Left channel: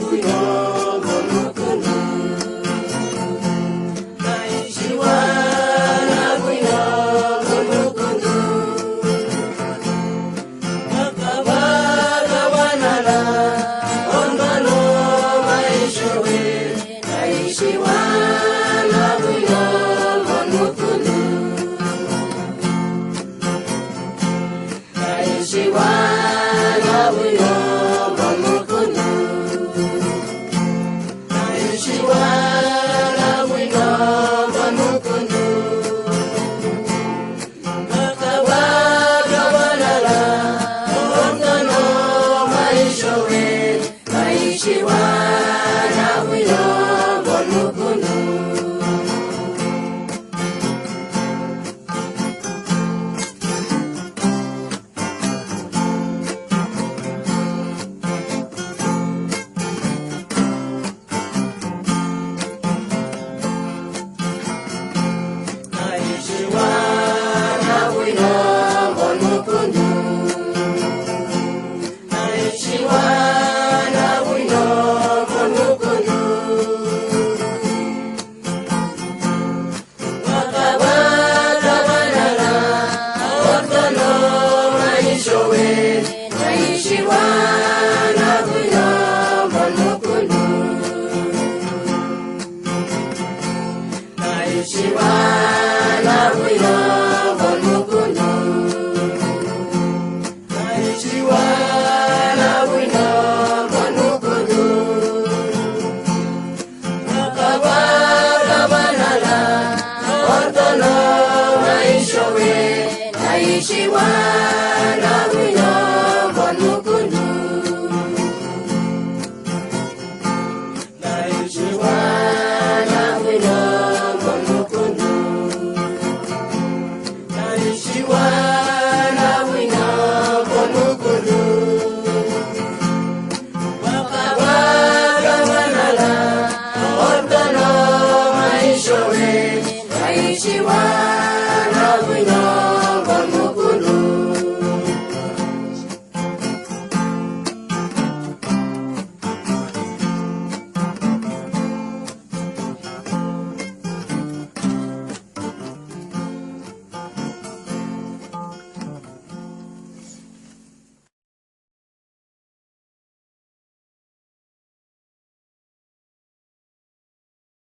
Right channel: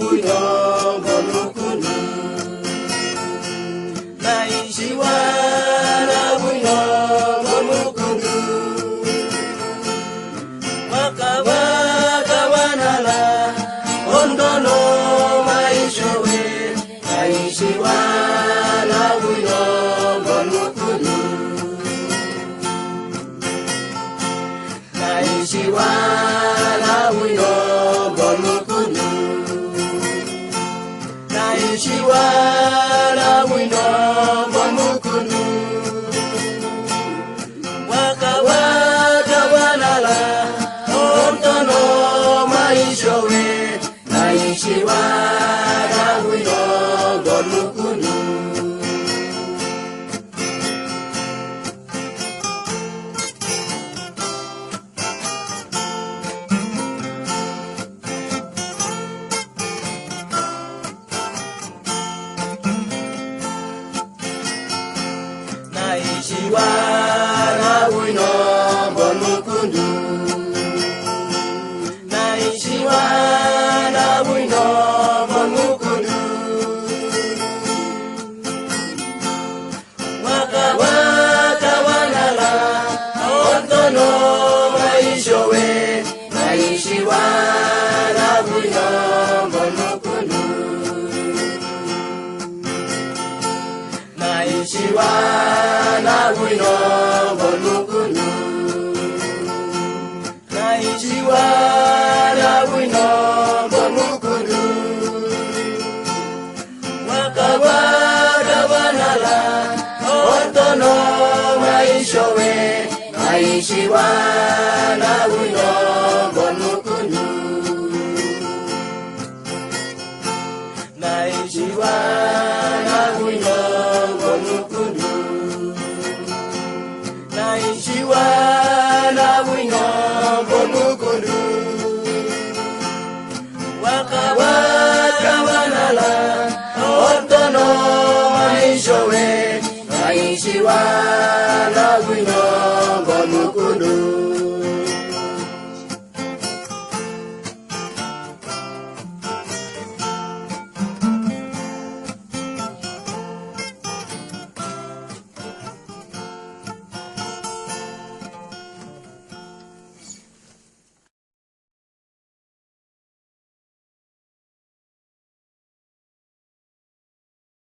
buyo bonukunu naishi wana buyo bonukunu makabaga wanala ondono maishowe naishi wana buyo bonukunu naishi wana buyo bonukunu naishi wana buyo bonukunu makabaga wanala ondono maishowe naishi wana buyo bonukunu naishi wana buyo bonukunu naishi wana buyo bonukunu wakabaga wanala ondono maishowe naishi wana buyo bonukunu naishi wana buyo bonukunu naishi wana buyo bonukunu wakabaga wanala ondono maishowe naishi wana